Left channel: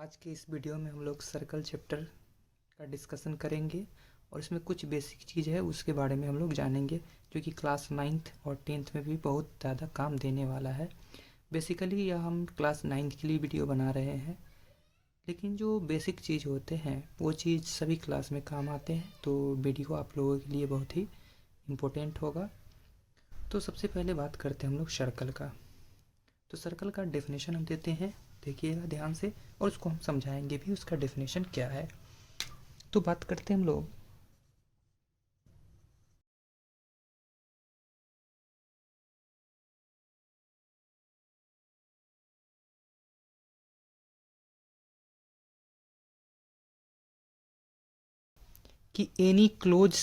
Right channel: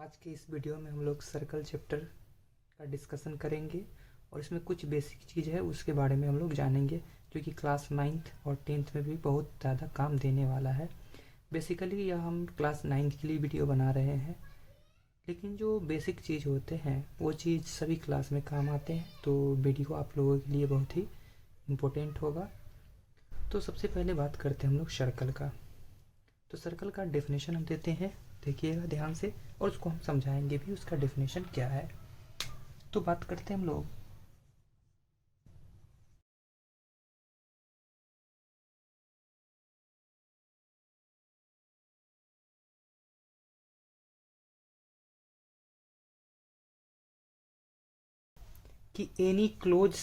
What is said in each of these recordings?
आज के इस वीडियो में हम लोग सर्कल चैप्टर का डिस्कशन करेंगे और इसमें कुछ बेसिक चीज़ है उसके बारे में हम लोग जानेंगे जो कि क्लास 9th और 10th में भी बहुत ज़्यादा काम देने वाला है। बेसिकली यह हम क्लास 9th के लिए वीडियो बना रहे हैं, लेकिन जो बेसिक चीज़ होते हैं वो चीज़ सभी क्लास में काम आते हैं, तो वीडियो आप लोगों के लिए बहुत ही इम्पोर्टेंट होगा। तो सबसे पहले बात करते हैं हम लोग सर्कल का। तो सर्कल का डेफिनेशन हम देते हैं, देखिएगा ध्यान से, और उसको हम समझाएंगे भी उसका डेफिनेशन क्या है। तो बात करते हैं हम लोग कि एनी क्लोज्ड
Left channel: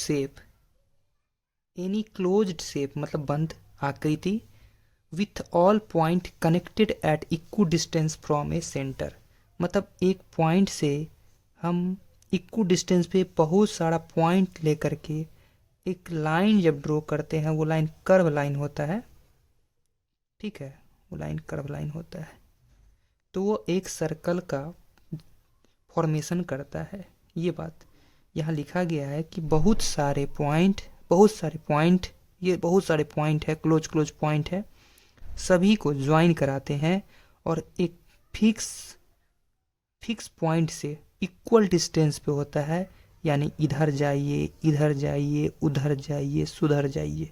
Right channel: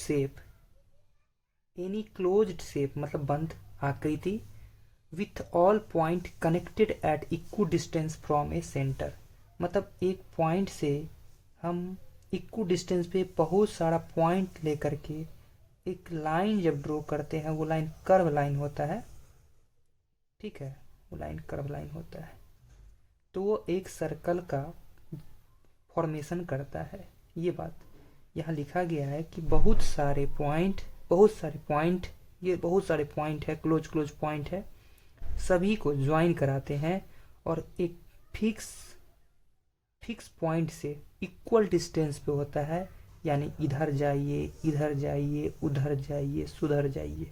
शेप मतलब बंद आकृति with all point connected eight equal distance from A centre. मतलब एक पॉइंट से हम इक्वल डिस्टेंस पे बहुत सारा पॉइंट लेकर के एक लाइन जब ड्रॉ करते हैं, वो लाइन कर्व लाइन होता है, ठीक है, वो लाइन कर्व लाइन होता है, तो वो एक सर्कल का फॉर्मेशन करता है। ये बात यहाँ लिखा गया है कि बहुत सारे पॉइंट ये बहुत सारे पॉइंट है, क्लोज क्लोज पॉइंट है, सभी को ज्वाइन कराते हैं और एक फिक्स पॉइंट से इक्वल डिस्टेंस पे होता है। यानी इधर जाइए, इधर जाइए, उधर जाइए, सुधर जाइए,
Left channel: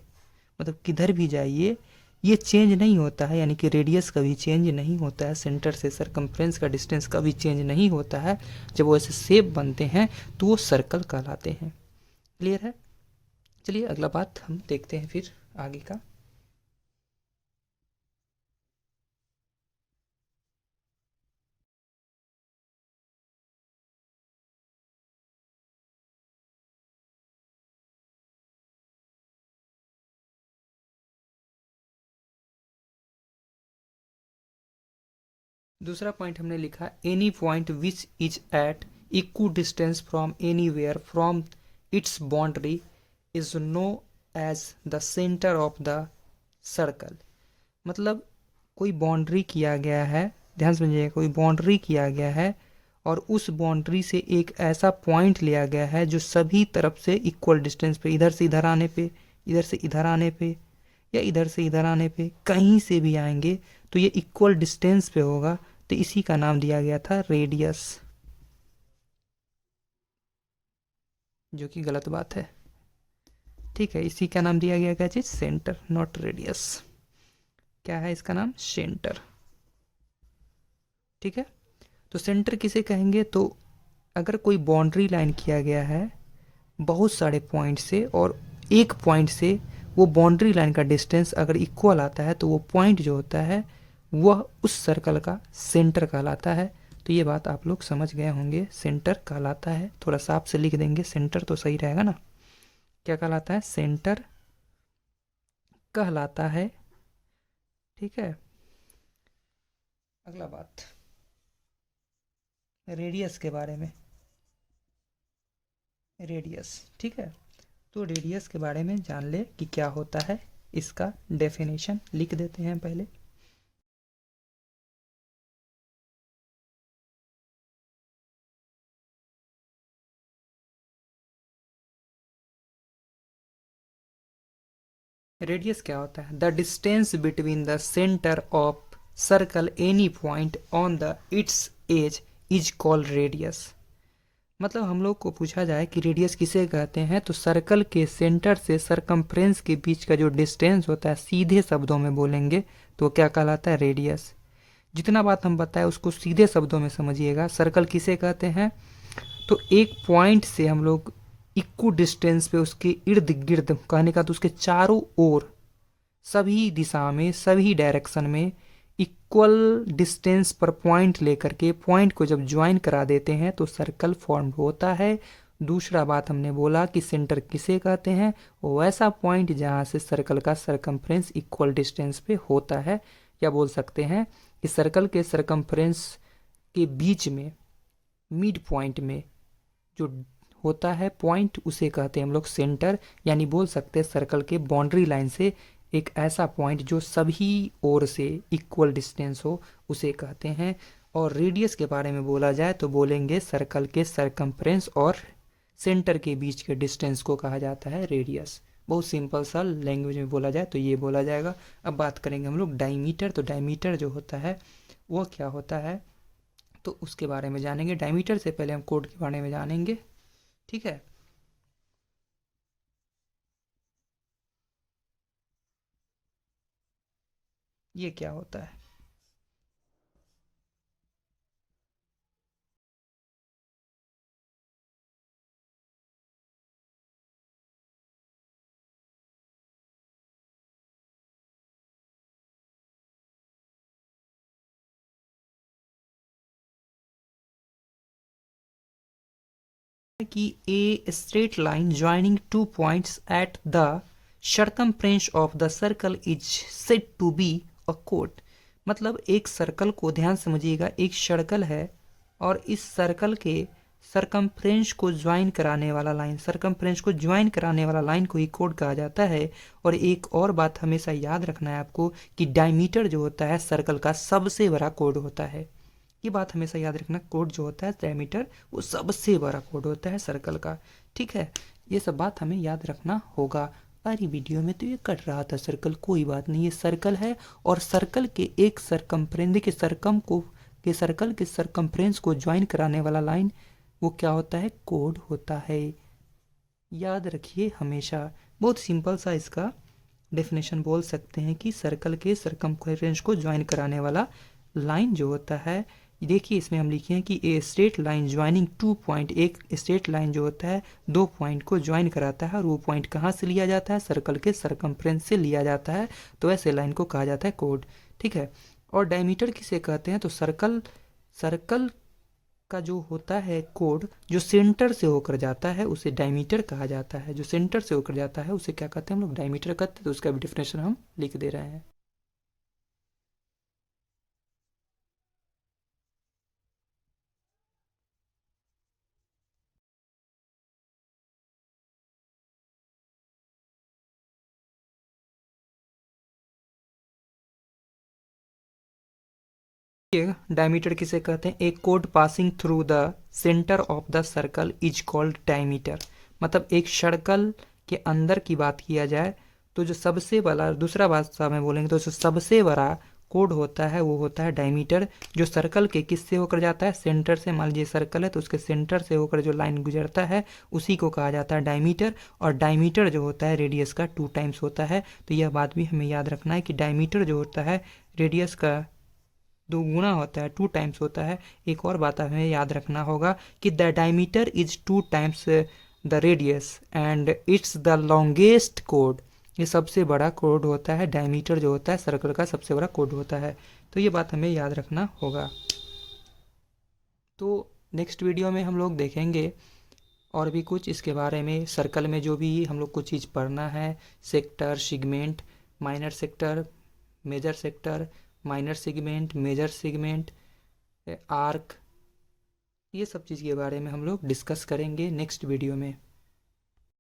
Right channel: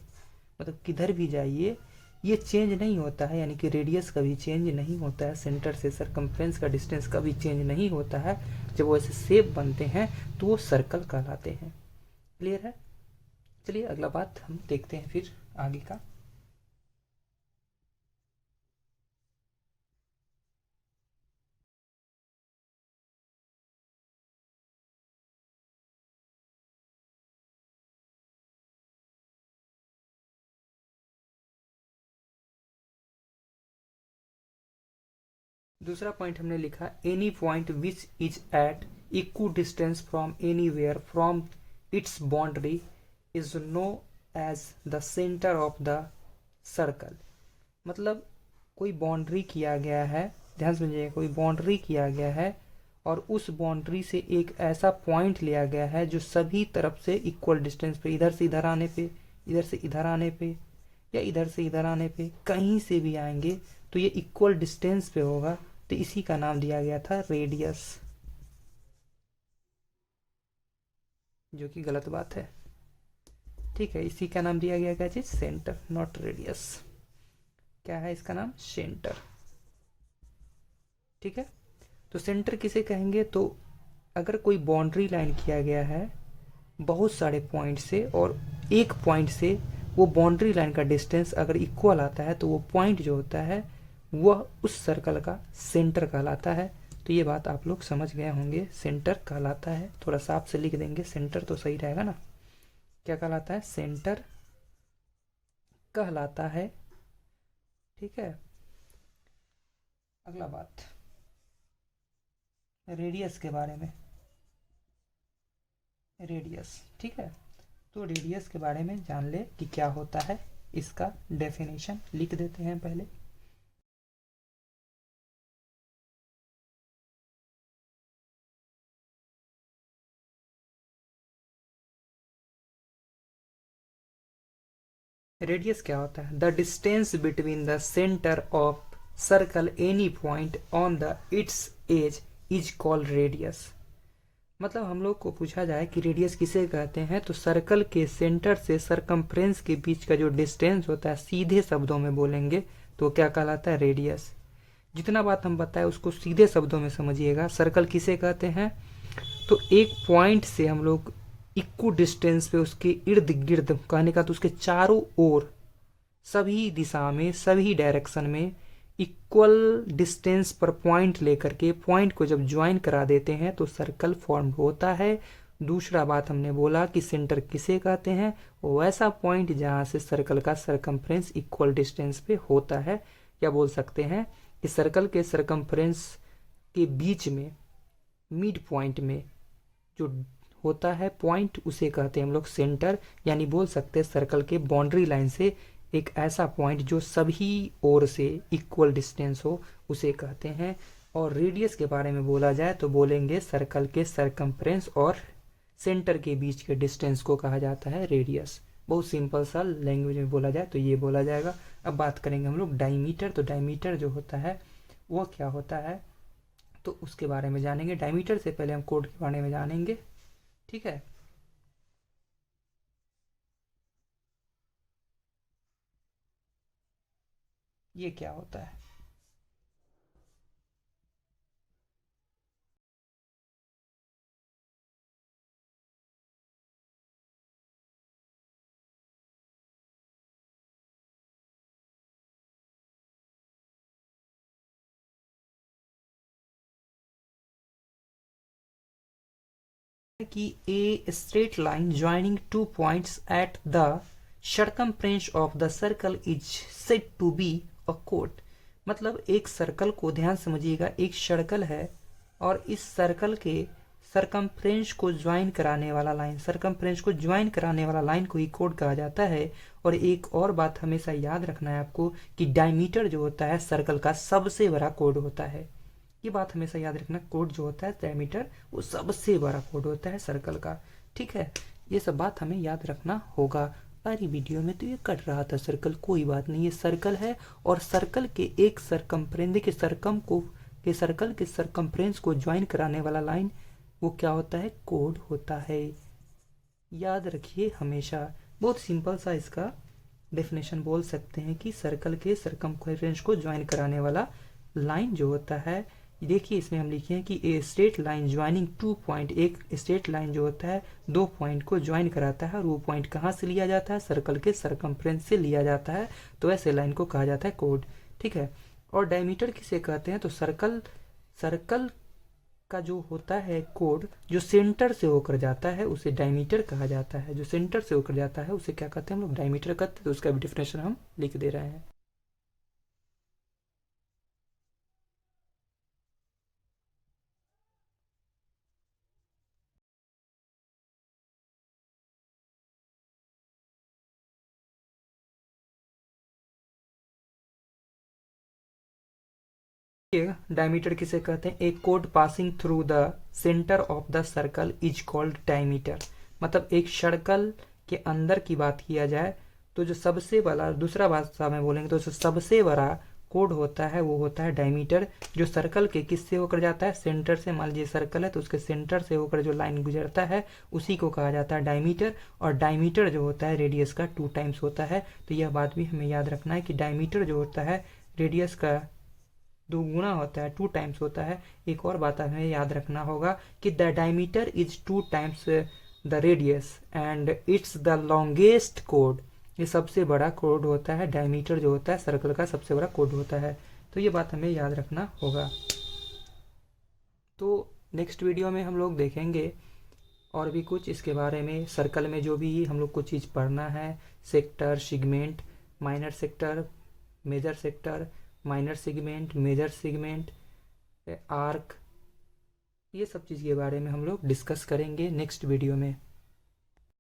मतलब किधर भी जाइए ये चेंज नहीं होता है। यानी कि रेडियस कभी चेंज नहीं होता है, सेंटर से सरकमफ्रेंस का डिस्टेंस कभी चेंज नहीं होता है। जब वो ऐसे शेप बनते हैं तो वो सर्कल कहलाते हैं। क्लियर है? चलिए अगला बात हम देखते हैं फिर आगे का। दूसरा पॉइंट हमने लिखा any point which is at equal distance from anywhere from its boundary is known as the centre of the circle. मतलब कोई बाउंड्री किया गया है, ध्यान समझिए, कोई बाउंड्री किया गया है और उस बाउंड्री से एक ऐसा पॉइंट लिया गया है जो सभी तरफ से इक्वल डिस्टेंस पे, इधर से इधर आने पे, इधर से इधर आने पे, या इधर से इधर आने पे, कहीं से भी आएंगे तो ये इक्वल डिस्टेंस पे होगा, तो इसी का नाम दिया गया था रेडियस, जो कि गलत बात है। ठीक है, इसी का नाम दिया गया क्या चीज? Centre, not radius. क्या है इसका नाम? सेंटर। ठीक है, तो सेंटर किसे कहेंगे? तो अगर कोई बाउंड्री लाइन किया गया है बहुत सारे पॉइंट से और एक पॉइंट से वो बाउंड्री लाइन का डिस्टेंस अगर इक्वल आता है तो वो पॉइंट जो होता है वह उस सर्कल का सेंटर कहलाता है। तो ये बात आप लोग समझ गए होंगे, सेंटर कहलाता है। थोड़ा साफ से लिख देंगे, सेंटर तो सही रहेगा ना। क्या कहलाता है? सेंटर कहलाता है। ठीक है, अगला बात रेडियस के बारे में। रेडियस, ठीक है, तो रेडियस के बारे में जान ले कि क्या होता है। इसका डेफिनेशन लिख देते हैं पहले। रेडियस क्या होता है? The distance between the centre of circle any point on the its edge is called radius. मतलब हम लोग को पूछा जाए कि रेडियस किसे कहते हैं, तो सर्कल के सेंटर से सरकमफ्रेंस के बीच का जो डिस्टेंस होता है, सीधे शब्दों में बोलेंगे तो क्या कहलाता है? रेडियस। जितना बात हम बताए उसको सीधे शब्दों में समझिएगा। सर्कल किसे कहते हैं? तो एक पॉइंट से हम लोग इक्वल डिस्टेंस पे उसके इर्द गिर्द, कहने का तो उसके चारों ओर, सभी दिशा में, सभी डायरेक्शन में इक्वल डिस्टेंस पर पॉइंट लेकर के पॉइंट को जब ज्वाइन करा देते हैं तो सर्कल फॉर्म होता है। दूसरा बात हमने बोला कि सेंटर किसे कहते हैं? वो ऐसा पॉइंट जहां से सर्कल का सरकमफ्रेंस इक्वल डिस्टेंस पे होता है, या बोल सकते हैं कि सर्कल के सरकमफ्रेंस के बीच में, मिड पॉइंट में जो होता है पॉइंट, उसे कहते हैं हम लोग सेंटर। यानी बोल सकते हैं सर्कल के बाउंड्री लाइन से एक ऐसा पॉइंट जो सभी ओर से इक्वल डिस्टेंस हो, उसे कहते हैं। और रेडियस के बारे में बोला जाए तो बोलेंगे सर्कल के सरकमफ्रेंस और सेंटर के बीच के डिस्टेंस को कहा जाता है रेडियस। बहुत सिंपल सा लैंग्वेज में बोला जाए तो ये बोला जाएगा। अब बात करेंगे हम लोग डायमीटर। तो डायमीटर जो होता है वह क्या होता है, तो उसके बारे में जानेंगे। डायमीटर से पहले हम कोड के बारे में जानेंगे, ठीक है। ये क्या होता है? कि a straight line joining two points at the circumference of the circle is said to be a chord। मतलब एक सर्कल को, ध्यान समझिएगा, एक सर्कल है और इस सर्कल के सरकमफ्रेंस को ज्वाइन कराने वाला लाइन, सरकमफ्रेंस को ज्वाइन कराने वाला लाइन को ही कोड कहा जाता है। और एक और बात हमेशा याद रखना है आपको कि डायमीटर जो होता है सर्कल का सबसे बड़ा कोड होता है। ये बात हमेशा याद रखना, कोड जो होता है डायमीटर वो सबसे बड़ा कोड होता है सर्कल का, ठीक है। ये सब बात हमें याद रखना होगा। अरे वीडियो में तो ये कट रहा था सर्कल, कोई बात नहीं, ये सर्कल है और सर्कल के एक सरकमफ्रेंस के सर्कल के सरकमफ्रेंस को ज्वाइन कराने वाला लाइन वो क्या होता है, कोड होता है। याद रखिए हमेशा। बहुत सिंपल सा इसका डेफिनेशन बोल सकते हैं कि सर्कल के सरकमफ्रेंस को ज्वाइन कराने वाला लाइन जो होता है, देखिए इसमें हम लिखे हैं कि a straight line joining two point, एक स्ट्रेट लाइन जो होता है दो पॉइंट को ज्वाइन कराता है और वो पॉइंट कहाँ से लिया जाता है, सर्कल के सरकमफ्रेंस से लिया जाता है। तो ऐसे लाइन को कहा जाता है कोड, ठीक है। और डायमीटर किसे कहते हैं, तो सर्कल का जो होता है कोड जो सेंटर से होकर जाता है उसे डायमीटर कहा जाता है। जो सेंटर से होकर जाता है उसे क्या कहते हैं हम लोग, डायमीटर कहते हैं। तो उसका भी डिफिनेशन हम लिख दे रहे हैं। डायमीटर किसे कहते हैं, एक code passing through the centre of the circle is called diameter. मतलब एक सर्कल के अंदर की बात किया जाए तो जो सबसे बड़ा, दूसरा भाषा में बोलेंगे तो जो सबसे बड़ा कोड होता है वो होता है डायमीटर। जो सर्कल के किससे होकर जाता है, सेंटर से। मान लीजिए सर्कल है तो उसके सेंटर से होकर जो लाइन गुजरता है उसी को कहा जाता है डायमीटर। और डायमीटर जो होता है रेडियस का 2 टाइम्स होता है। तो यह बात भी हमें याद रखना है कि डायमीटर जो होता है रेडियस का 2 गुना होता है, 2 टाइम्स होता है। एक और बात हमें याद रखना होगा कि the diameter is 2 times the radius and it's the longest code. ये सबसे बड़ा कोड होता है, डायमीटर जो होता है सर्कल का सबसे बड़ा कोड होता है। तो ये बात हमें याद रखना होगा। तो नेक्स्ट वीडियो में हम लोग देखेंगे और भी कुछ इसके बारे में। सर्कल में जो भी हम लोग को चीज़ पढ़ना है, sector, segment, minor sector, major sector, minor segment, major segment, arc, ये सब चीज़ के बारे में हम लोग डिस्कस करेंगे नेक्स्ट वीडियो में।